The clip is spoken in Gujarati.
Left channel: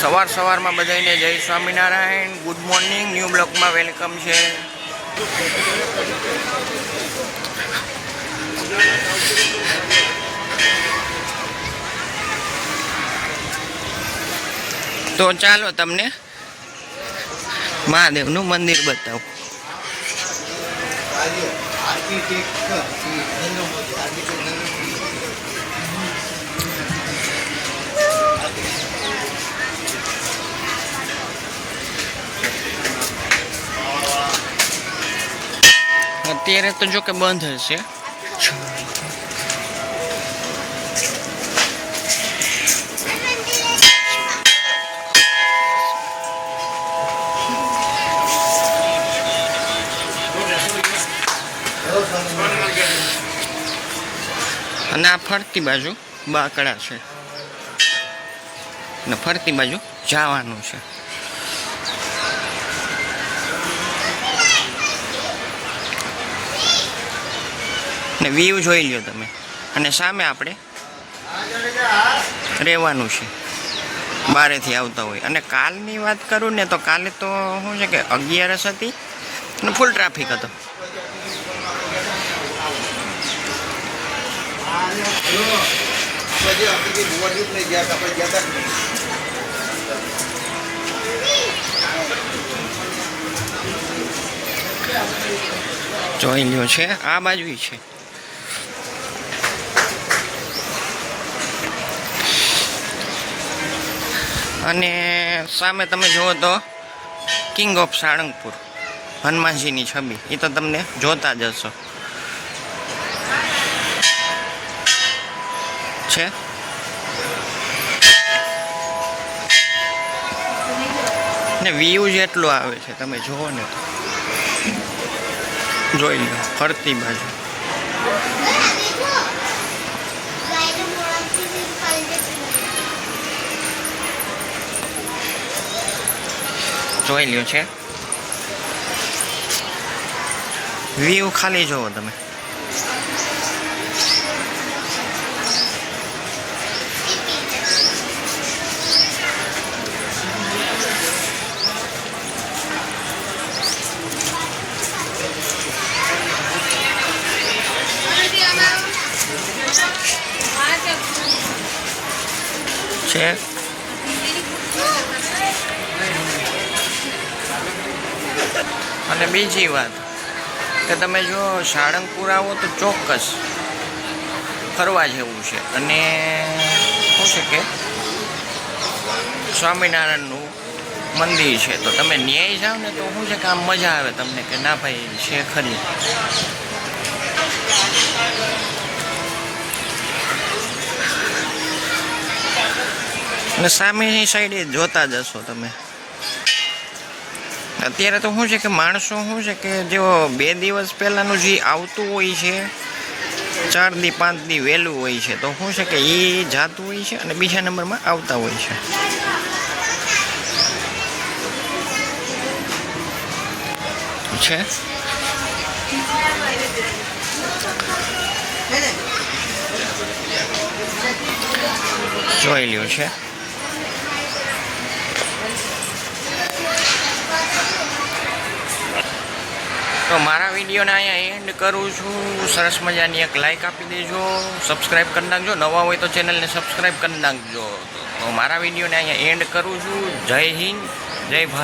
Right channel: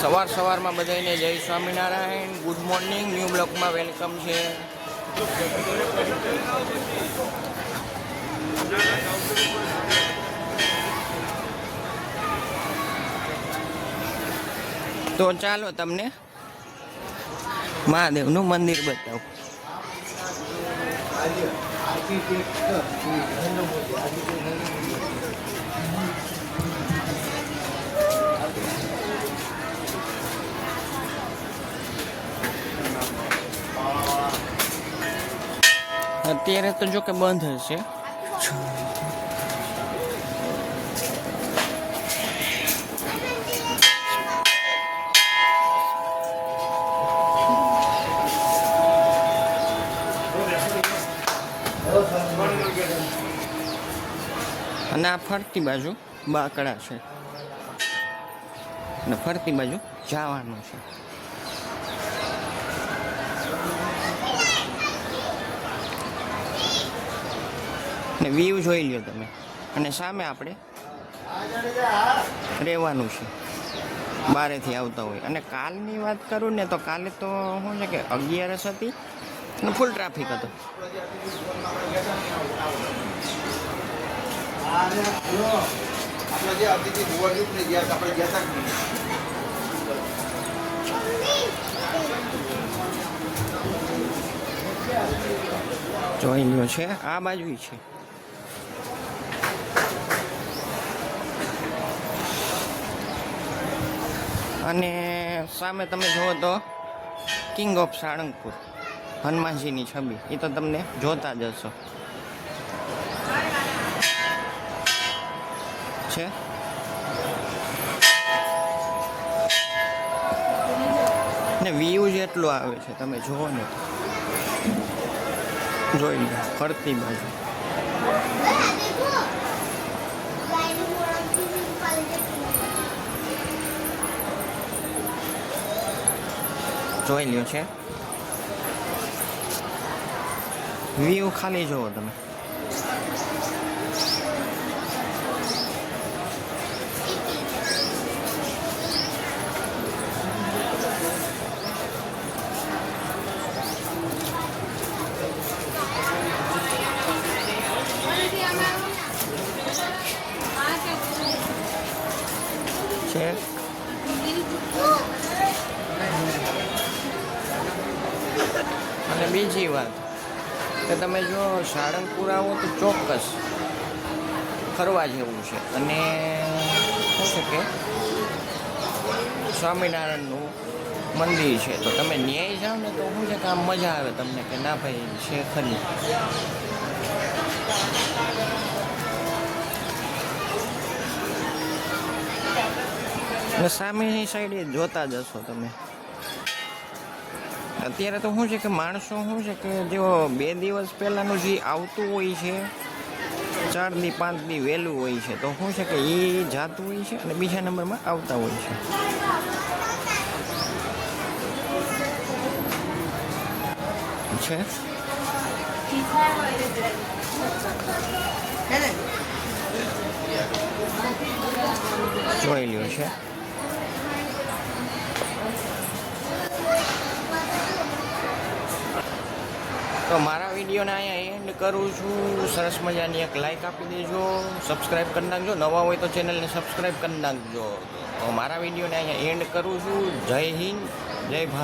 સવાર સવારમાં બધાને જય સ્વામિનારાયણ. ગુડ મોર્નિંગ ન્યૂ બ્લોકમાં વેલકમ છે. તો ચાલો તમને મહાદેવનું મંદિર બતાવું. અત્યારે તો જો કે બંધ હશે. અને આ ફરતી બાજુ બાકડા છે. અને ફરતી બાજુ જવાનું છે. ને વ્યૂ જોઈ લ્યો તમે. અને સામે આપણે રહેવાનું છે. બારેથી આવતા હોય. અને કાલની વાત કરું ને તો કાલે તો શું છે કે અગિયારસ હતી અને ફૂલ ટ્રાફિક હતો. જોઈ લ્યો છે. આ બાજુ છે. અને સામે તમે જુઓ તો કિંગ ઓફ સાળંગપુર હનુમાનજીની છબી. એ તો તમને જોતા જ હશો. છે? ને વ્યૂ જેટલું આવે છે, તમે જુઓ ને જોઈ લો, ફરતી બાજુ. જોઈ લ્યો છે. વ્યૂ ખાલી જુઓ તમે. છે. અને બીજી વાત કે તમે જો સાળંગપુર આવો તો ચોક્કસ ફરવા જેવું છે. અને શું છે કે સ્વામિનારાયણનું મંદિર છે. તો તમે ન્યાય જાઓ ને તો શું છે કે આમ મજા આવે તમને કે ના ભાઈ છે ખરી. અને સામેની સાઈડે જોતા જશો તમે. અત્યારે તો શું છે કે માણસો શું છે કે જો બે દિવસ પહેલાંનું જે આવતું હોય છે ચાર દી પાંચ દી વહેલું હોય છે, તો શું છે કે એ જાતું હોય છે અને બીજા નંબરમાં આવતા હોય છે. છે? જોઈ લ્યું છે. તો મારા વિડીયોને અહીંયા એન્ડ કરું છું. સરસ મજાની એક લાઇક આપી દેજો. સબસ્ક્રાઈબ કરી નાખજો. નવા હોય તો ચેનલને સબસ્ક્રાઈબ કરી નાખજો. તો મારા વિડીયોને અહીંયા એન્ડ કરું છું. જય હિન્દ. જય ભારત.